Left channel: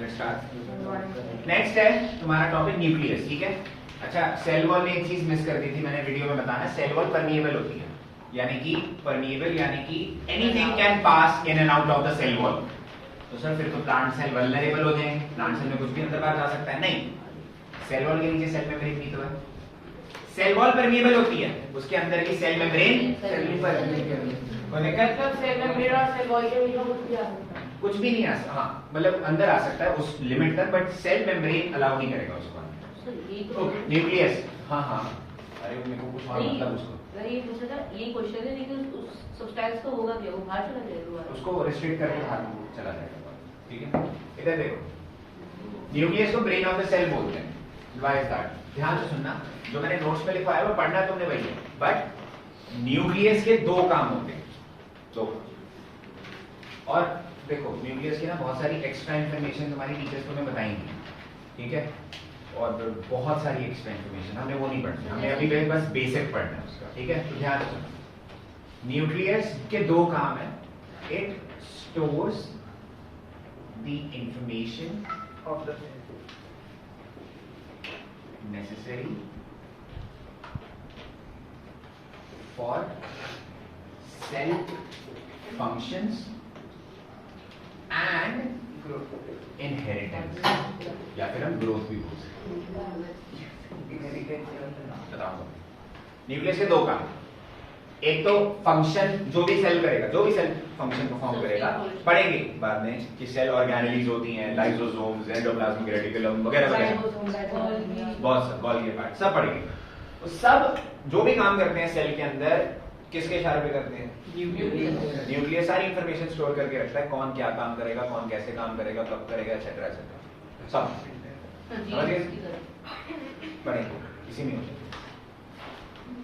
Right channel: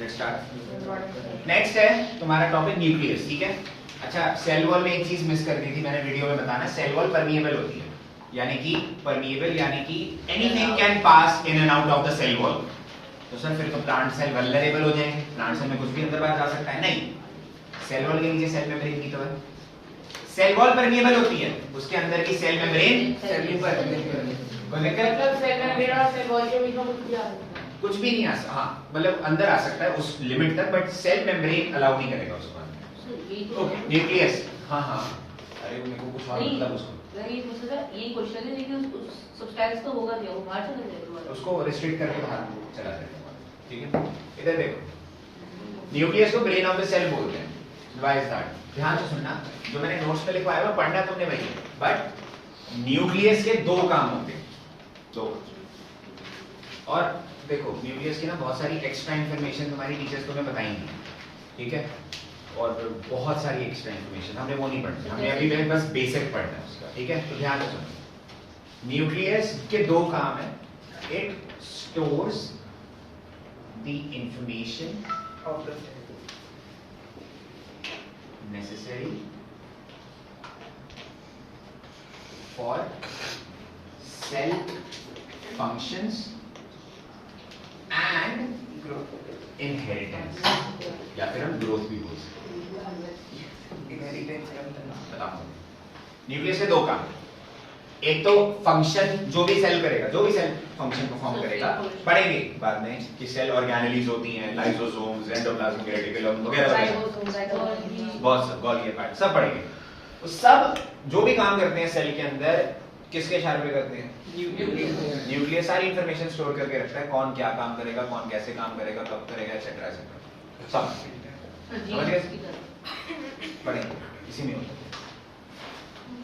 Let's start. Next है तुम्हारा topic nucleus, ठीक है। अच्छा, सेल वॉल में एक चीज मिस कर दी थी मैंने वीडियो में बताना, सेल वॉल परमिएबल होती है, यानी कि परमिएबल यानी कि anything can pass in and out of the cell wall. तो सर फिर तो प्लांट सेल वल्नरेबल हो जाएंगे, प्लांट सेल में कुछ भी अंदर बाहर जा सकता है। नहीं, सेल वॉल के नीचे सेल मेम्ब्रेन भी तो है। सेल वॉल परमिएबल होती है, उसके अंदर की सेल मेम्ब्रेन कोई दिक्कत? सेल मेम्ब्रेन और सेल वॉल के बीच में कुछ भी नहीं आ सकता, हाँ मतलब अंदर आ सकता है उस लिमिट तक, बट सेल मेम्ब्रेन अलाउ नहीं करेगा उसको अंदर। ओके, न्यूक्लियस, हाँ हाँ, अरे मेरे को कुछ और मतलब उसको यही क्वेश्चन है, लेकिन उस सब्सटेंस तो होगा क्या, वो बाहर चला जाएगा, उसको रिस्ट्रिक्ट करके बाहर चला जाएगा, ठीक है। इधर देखो, न्यूक्लियस को ब्रेन ऑफ द सेल बोलते हैं। Why is that? ध्यान से सुनना, जो मैंने नोट्स में लिखवाया वो पढ़ना तुमने वही है, बट न्यूक्लियस के दो काम होते हैं, दो। और देखो न्यूक्लियस की ना बहुत सारी एक्स्ट्रा इंफॉर्मेशन तुम्हारी टीचर्स तुम्हें बताएंगी, ठीक है, और बहुत सारी एक्स्ट्रा इंफॉर्मेशन हमने वो नहीं पढ़नी, हमें अभी बस बेसिक पढ़ना है उसका, ठीक है। तो ध्यान से सुनो, न्यूक्लियस के दो काम है, it stores the information of the necessary for cell functions and inheritance, या फिर हम ग्रोथ भी बोल सकते हैं। बताऊंगा। न्यूक्लियस के दो काम, एक तो फंक्शन, जो भी सेल करेगा, जो भी सेल फंक्शन परफॉर्म करेगा, पढ़ेंगे बाद में कि सेल ऑर्गेनेलीज होती हैं, लाइसोसोम्स, एंडोप्लाज्मिक रेटिकुलम वगैरह वगैरह, बहुत सब गोल्गी पार्ट सब पढ़ेंगे। तो सब जो भी काम करते हैं सेल के अंदर किसके इशारे पे करते हैं? न्यूक्लियस सारी इंफॉर्मेशन स्टोर करके रखता है, कौन क्या काम करेगा, कौन कैसे काम करेगा, कब करेगा, एक्सेट्रा एक्सेट्रा, सब समझ गए? पढ़ेंगे, इसी में होता है।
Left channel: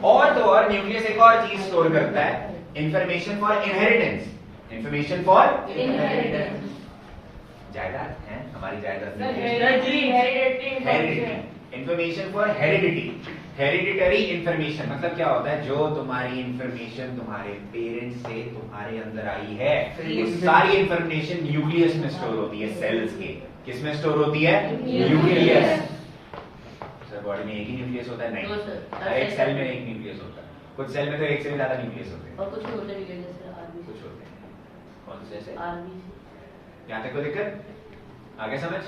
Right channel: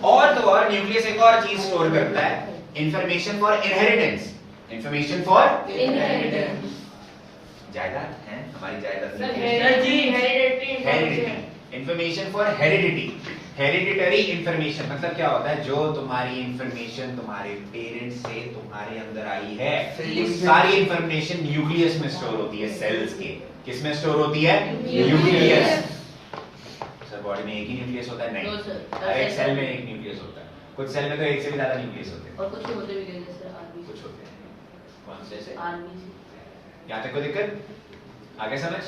और तो और न्यूक्लियस एक और चीज स्टोर करता है, information for inheritance. Information for inheritance, जायदाद है हमारी, जायदाद heredity, information for heredity, hereditary information. मतलब क्या होता है, जो तुम्हारी इंफॉर्मेशन तुम्हारे पेरेंट्स से तुम्हारे अंदर आई है, वो सारी इंफॉर्मेशन न्यूक्लियस में स्टोर होती है, सेल्स के। किस में स्टोर होती है? न्यूक्लियस। सर बॉडी में एक ही न्यूक्लियस होता है? नहीं, हर एक सेल में एक न्यूक्लियस होता है, कुछ सेल में तो एक से भी ज्यादा न्यूक्लियस होते हैं, और कुछ होते भी हैं जैसे आरबीसी, कुछ होते हैं। कौन से? आरबीसी। यहाँ तक कोई दिक्कत? आगे समझ?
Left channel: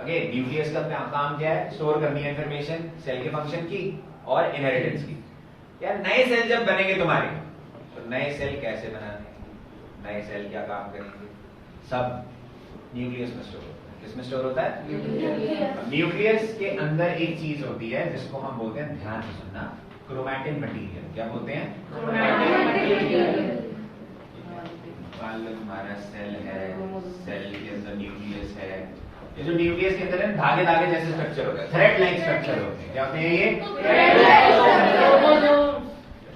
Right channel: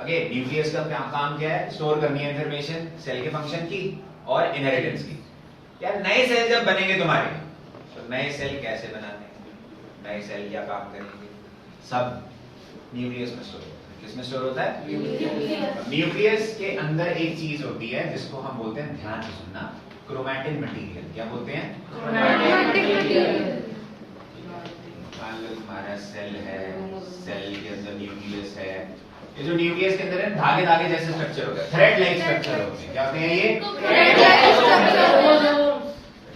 अगे न्यूक्लियस का काम क्या है? स्टोर करनी है इंफॉर्मेशन सेल के फंक्शन की और इनहेरिटेंस की। यार नए सेल जब बनेंगे तुम्हारे, तो नए सेल कैसे बनाने, नए सेल क्या काम करेंगे, सब न्यूक्लियस में स्टोर होता है। किस में स्टोर होता है? न्यूक्लियस के अंदर एक चीज होती है जिसको हम बोलते हैं, ध्यान से सुनना, क्रोमैटिन मटेरियल। क्या बोलते हैं? मान लो तुम्हारा सेल है, सेल के अंदर न्यूक्लियस है, ये जो न्यूक्लियस के अंदर है धागे धागे जैसे स्ट्रक्चर होता है, थ्रेड लाइक स्ट्रक्चर होते हैं। क्या होते हैं ये?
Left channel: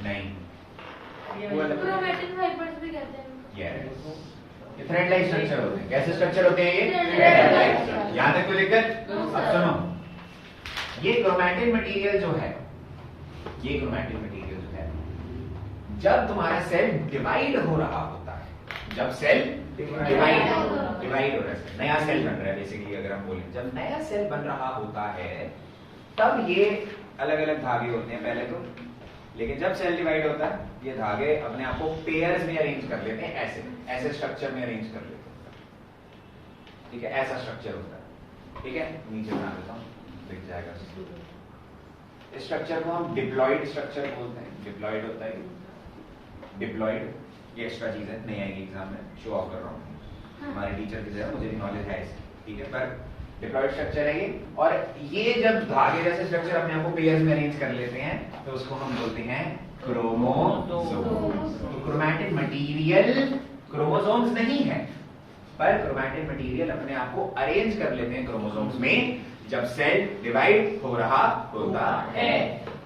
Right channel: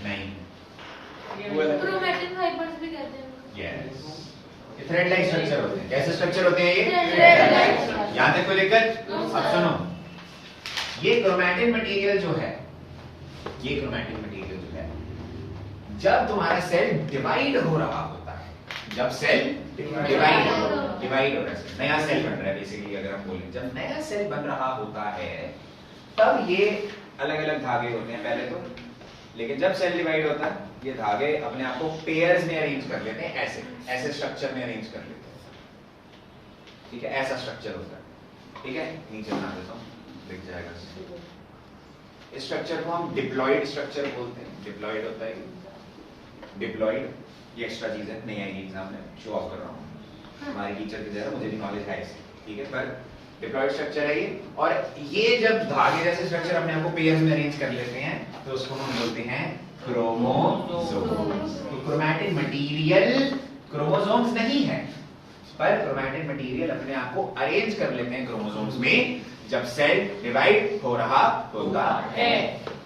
नहीं, क्रोमैटिन फाइबर्स भी कहते हैं। यस, ये थ्रेड लाइक स्ट्रक्चर होते हैं। कैसे स्ट्रक्चर होते हैं ये? यहाँ तक कोई दिक्कत? अब सुनो, ये क्रोमैटिन मटेरियल जो है, ये क्रोमैटिन मटेरियल जो है, जब तुम्हारा सेल डिवाइड हो रहा होता है, जब सेल डिवाइड हो रहा है, नया सेल बन रहा है बेसिकली, अगर हम बोलें जब नया सेल बन रहा होता है, तब ये अलग अलग धागे होते हैं पहले तो, लेकिन जब सेल डिवाइड होता है ये धागे अपने आप को पेयर्स में अरेंज कर लेते हैं, ऐसे ऐसे स्ट्रक्चर में अरेंज कर लेते हैं, ठीक है, ऐसा स्ट्रक्चर होता है, ठीक है। नीचे बना देता हूँ, दिख जाएगा। इस स्ट्रक्चर को हम डिप्लॉइड स्ट्रक्चर बोलते हैं। डिप्लॉइड होता है, डिप्लॉइड, ये एक्स्ट्रा चीज है, नहीं आएगी एग्जाम में, शो ऑफ कर रहा हूँ, हमारे टीचर की तरह मुझे भी नॉलेज है इसे, ठीक है। पर डिप्लॉइड स्ट्रक्चर है ये, और ये जब धागे जैसे स्ट्रक्चर अपने आप को पेयर्स में अरेंज कर लेते हैं, तो उसको हम बोलते हैं क्रोमोसोम्स। तो क्रोमैटिन मटेरियल क्रोमोसोम्स नहीं है, पर क्रोमैटिन मटेरियल अपने आप को अरेंज कर लेते हैं क्रोमोसोम्स में जब सेल डिवाइड हो रहा होता है।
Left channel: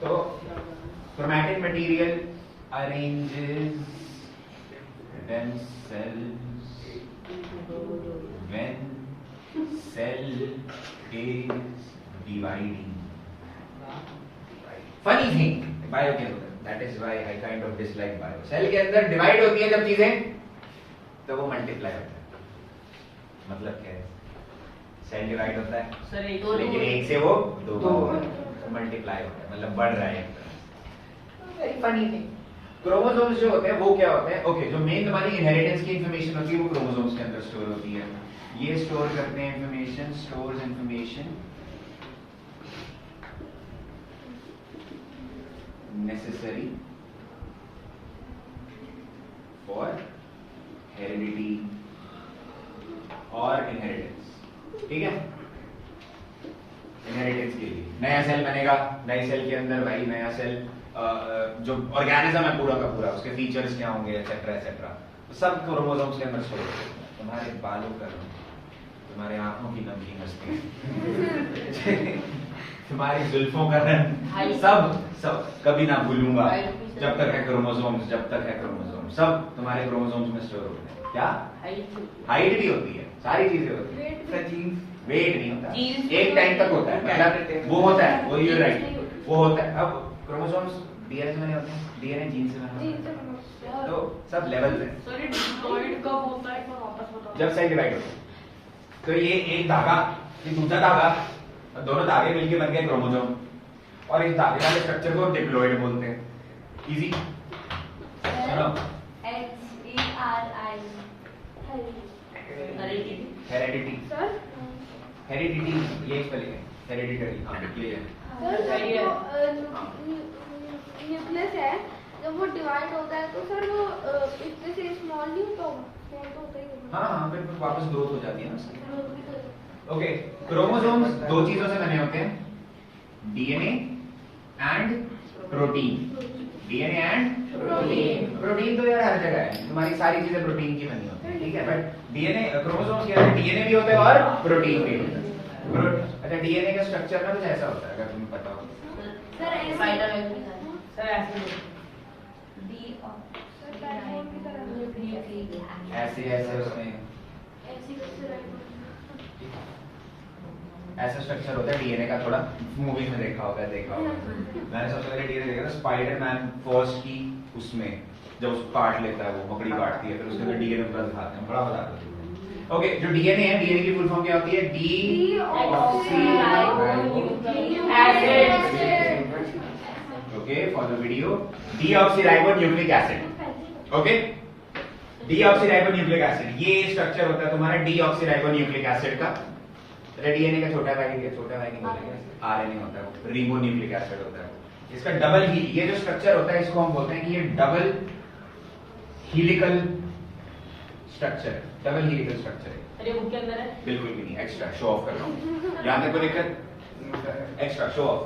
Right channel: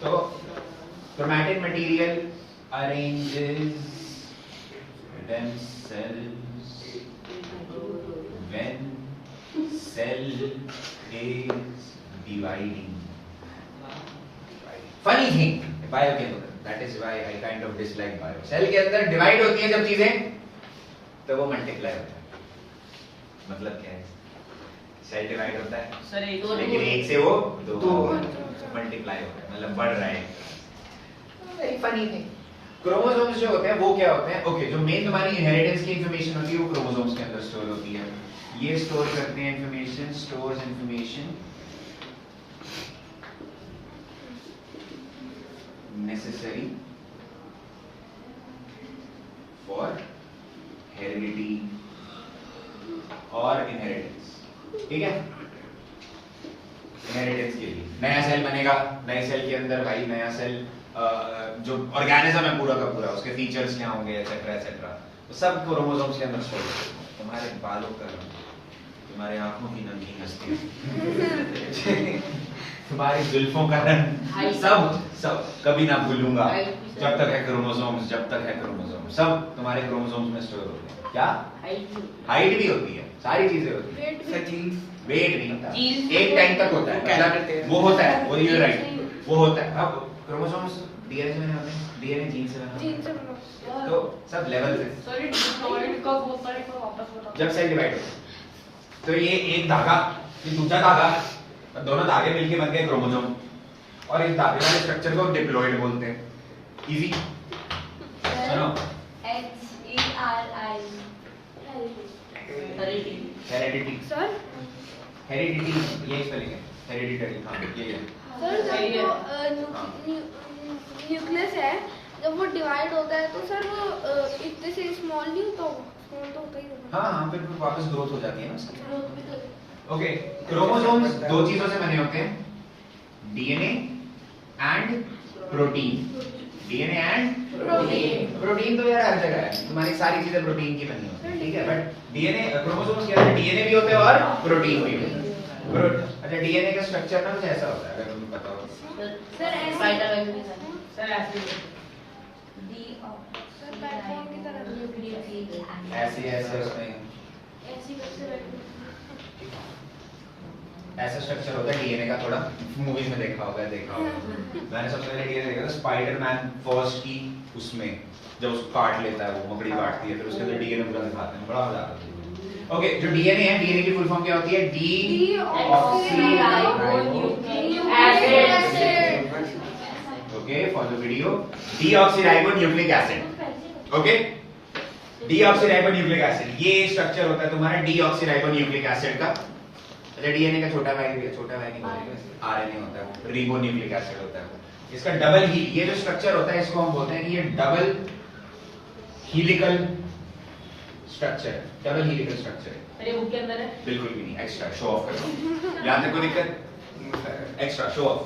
तो chromatin material arranges when cell is dividing. Funny thing, biochemical. That is why I kind of dislike bio. Cell के अंदर डिवाइड होती है जब चीजें, तो वो मल्टीप्लाई होता है। मतलब क्या है? सेल डिवाइड होता है सर एक लेकिन एक से वो दो मल्टीप्लाई होता है, मतलब बढ़ रहा है। Very funny thing. क्रोमोसोम्स जो होते हैं वो क्या होते हैं? ओके, जो मेन तुम्हारी इनहेरिटेंस की इंफॉर्मेशन होती है वो क्रोमोसोम्स के अंदर स्टोर होती है। ये स्टोर करते हैं information, stores information necessary for heredity और इनहेरिटेंस। ठीक है, इनहेरिटेंस के लिए नया सेल बनेगा, नए सेल के अंदर भाई नया सेल जो ऑर्गेनिज्म है पूरा का पूरा, उसके फीचर्स क्या होंगे एटसेट्रा एटसेट्रा, सब क्रोमोसोम्स के अंदर स्टोर होते हैं। तुम्हारे बालों का रंग, तुम्हारे आंखों की नमकीन मस्ती तुम्हारी जुल्फों का रंग, सब कभी ना भूलूंगा जब तक है क्रोमोसोम्स, जब तक है क्रोमोसोम्स, सब तुम्हारे क्रोमोसोम्स में स्टोर होते हैं। क्या हाइट भी होती है, सारी चीजें होती है। वेट नहीं होता, एक टाइम तक होता है, मतलब वो होता है, वो यू राइट, वो होता है। अब क्रोमोसोम्स डीएनए से बने होते हैं, डीएनए जीन से बना होता है, तो सब लेवल पे जब सेल डिवाइड होता है तो ये एक धागा, ये दूसरा धागा, दोनों धागे मिलके बन गए क्रोमोसोम, और इस धागे वाले स्ट्रक्चर को डिप्लॉइड बोलते हैं। इजी सुनो, हेरिडिटी, हेरिडिटी ये स्पेलिंग है, हेरिडिटरी। हाँ ये है सर न्यूक्लियस है, जब वो डिवाइड होता है तो सर वो इतने से स्मॉल नहीं होता, वो स्मॉल तो होता ही होता है। हाँ, फिर वापस ग्रोथ हो जाती है ना। ओके, क्रोमोसोम्स दो चीजों से बने होते हैं, DNA and protein. DNA and protein. Protein तो यार हर जगह है, तुम्हारी सारी चीजें प्रोटीन की बनी होती है, ठीक है, बट डीएनए क्रोमोसोम्स के अंदर डीएनए भी होता है और प्रोटीन भी होता है। अच्छा, डीएनए का स्ट्रक्चर ना कुछ ऐसा होता है, अगर तुम्हें पता हो। सर ऐसे उसमें ऐसा स्ट्रक्चर होता है डीएनए का, थोड़ा मूवीज में देखा होगा। मैंने सबसे पहले डीएनए देखा था स्पाइडरमैन फर्स्ट की, उसमें जब उसको काट लेता है, वो मकड़ी काटती है, फिर उसके अंदर डीएनए पूरा दिखाते हैं, बड़ा मजा आता है। ओके, जो डीएनए है, डीएनए की फुल फॉर्म क्या होती है? Okay, follow video. Deoxyribonucleic acid. Okay, deoxyribonucleic acid, ये स्ट्रक्चर होता है तुम्हारा डीऑक्सीराइबोन्यूक्लिक एसिड का। अच्छा, डीएनए का छोटा भाई भी है, छोटा भाई नहीं बोलेंगे, आरएनए होता है, रिबोन्यूक्लिक एसिड होता है। इसका डबल ही ये जो स्ट्रक्चर होता है, इसको हम बोलते हैं कि ये डबल हीलिकल स्ट्रक्चर, डबल हीलिकल स्ट्रक्चर है। अरे वो के अंदर है? बिल्कुल भी नहीं, एक्स्ट्रा शो ऑफ कर रहा हूं, यहां तक कोई दिक्कत? Extra show off.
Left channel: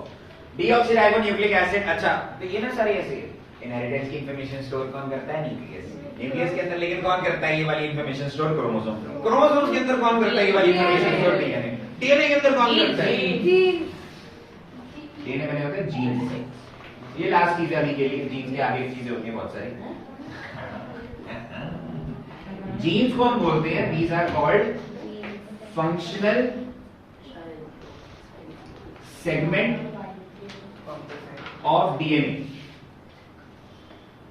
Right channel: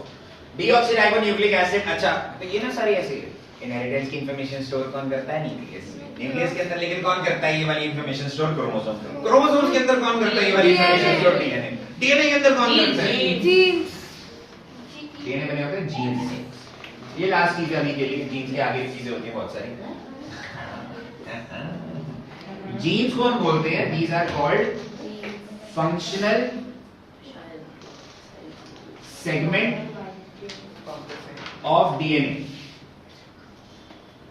Deoxyribonucleic acid. अच्छा, तो ये ना सारी ऐसी है। इनहेरिटेंस की इंफॉर्मेशन स्टोर कौन करता है? न्यूक्लियस। न्यूक्लियस के अंदर लेकिन कौन करता है ये वाली इंफॉर्मेशन स्टोर? क्रोमोसोम। क्रोमोसोम्स के अंदर कौन करता है ये वाली इंफॉर्मेशन स्टोर? डीएनए। डीएनए के अंदर कौन करता है? जीन्स। डीएनए बने होते हैं जीन्स। ये लास्ट चीज है अभी के लिए, जीन्स के आगे चीजें होती हैं बहुत सारी। जीन्स को हम बोलते हैं, these are called functional segment of DNA.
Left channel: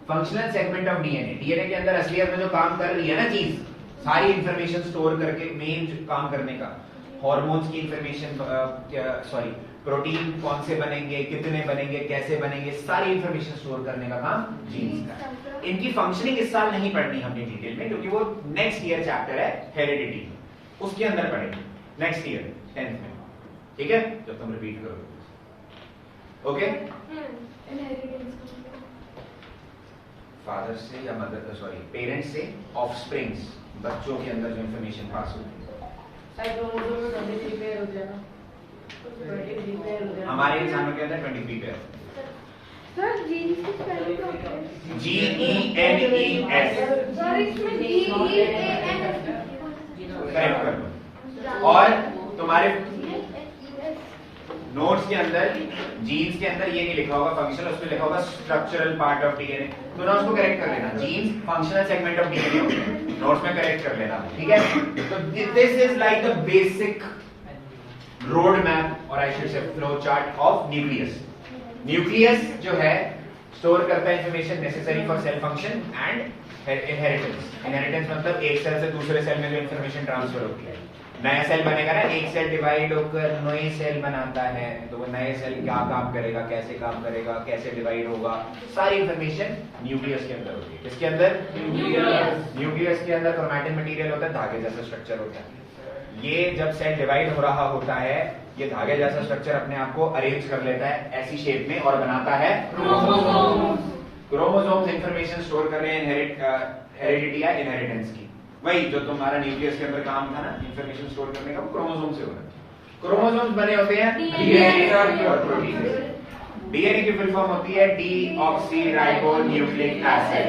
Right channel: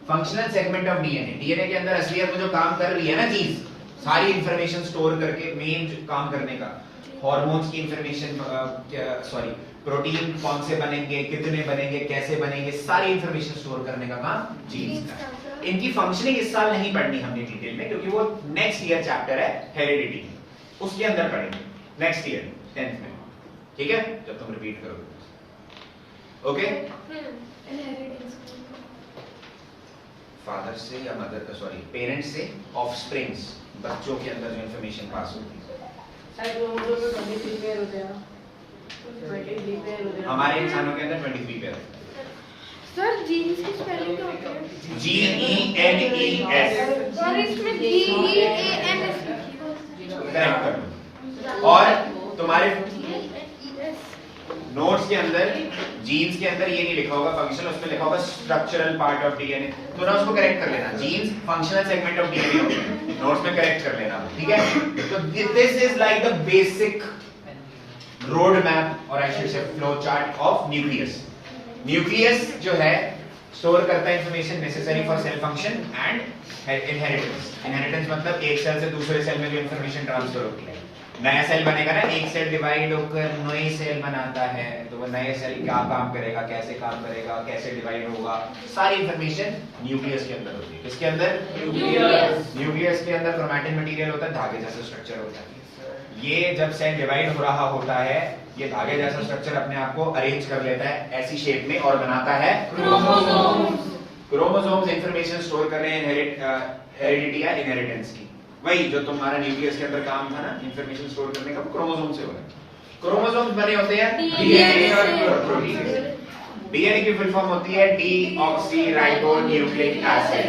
Functional segment of DNA, DNA के अंदर असलियत में जो काम कर रही है ना चीज, सारी इंफॉर्मेशन स्टोर करके, मेन काम करने का, हार्मोन्स की इंफॉर्मेशन, सॉरी प्रोटीन कौन से बनेंगे, कितने बनेंगे, कैसे बनेंगे, सारी इंफॉर्मेशन स्टोर करने का काम जीन्स का। इनकी फंक्शनिंग इस साल नहीं पढ़नी हमने डिटेल में, क्योंकि वो नेक्स्ट ईयर चैप्टर है हेरिडिटी, उसके अंदर पढ़ेंगे नेक्स्ट ईयर 10th में, ठीक है, जब तुम रिपीट करोगे। ओके, फादर से या मदर, सॉरी पेरेंट्स से ऑफस्प्रिंग्स, बच्चों के अंदर जो इंफॉर्मेशन पास होती है। हमारे इंसानों के अंदर 23 पेयर होते हैं। सर जीन्स की स्पेलिंग क्या होती है? GENES। सर इसमें GEANS करेक्ट कर लो। और तुम्हारे नोट्स के अंदर जीन्स के अंदर ये नहीं लिखा होगा फंक्शनल, उसमें लिखा होगा स्ट्रक्चरल पार्ट ऑफ डीएनए, तो ना उसको करेक्ट कर लेना। Genes functional segment of DNA notes में करेक्ट कर लेना, ठीक है। तो this is like the basic road map और I should say flow chart of nucleus. Nucleus जो है स्टोर करता है information necessary for cell function and inheritance. Inheritance मतलब एक सेल से दूसरे सेल में जो इंफॉर्मेशन ट्रांसफर होती है, नया सेल बनेगा ना, एक सेल डिवाइड होकर नए सेल बनाता है, तो वो नए सेल क्या काम करेगा, कैसे काम करेगा, कैसे डिवाइड होगा, सारी इंफॉर्मेशन न्यूक्लियस के अंदर होती है। किसके अंदर? न्यूक्लियस के अंदर क्रोमैटिन मटेरियल होता है, धागे जैसा स्ट्रक्चर होता है। ये जब सेल डिवाइड हो रहा होता है, ये धागे जैसा स्ट्रक्चर अपने आप को अरेंज कर लेता है ऐसी शेप में और बनाता है क्रोमोसोम्स। क्रोमोसोम्स इंफॉर्मेशन स्टोर कर रहे हैं हेरिडिटी या इनहेरिटेंस की। वही जो तुम्हारा न्यूक्लियस के अंदर काम था ना इंफॉर्मेशन स्टोर करने का, वो क्रोमोसोम से हो रहा है। क्रोमोसोम्स बने होते हैं डीएनए और प्रोटीन से। डीएनए की फुल फॉर्म होती है डीऑक्सीराइबोन्यूक्लिक एसिड,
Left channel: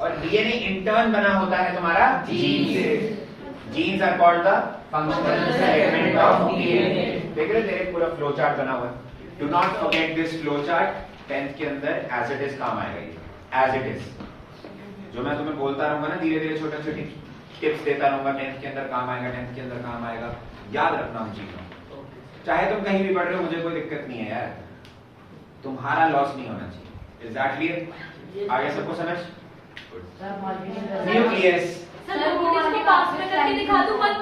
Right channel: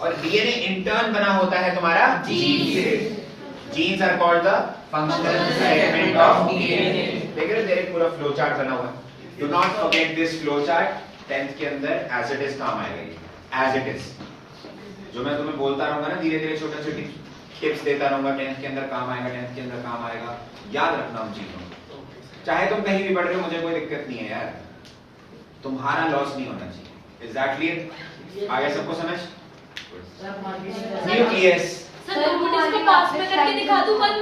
और डीएनए इंटर्न बना होता है तुम्हारा जीन से। Genes are called the functional segment of DNA. देख रहे तेरे पूरा फ्लो चार्ट बना हुआ है। Do not forget this flow chart. 10th के अंदर एज इट इज काम आएगा ये, एज इट इज। जो मैं तुम्हें बोलता रहूंगा ना धीरे धीरे, छोटे छोटे टिप्स देता रहूंगा, 10th के अंदर काम आएगा, 10th के अंदर काम आएगा। याद रखना उन चीजों को। चाहे तुम कहीं भी पढ़ रहे हो, मुझे कोई दिक्कत नहीं है यार, तुम्हारा लॉस नहीं होना चाहिए। Is that clear? आगे सबको समझ? न्यूक्लियस सर, पास में करके दिखा दूं, मत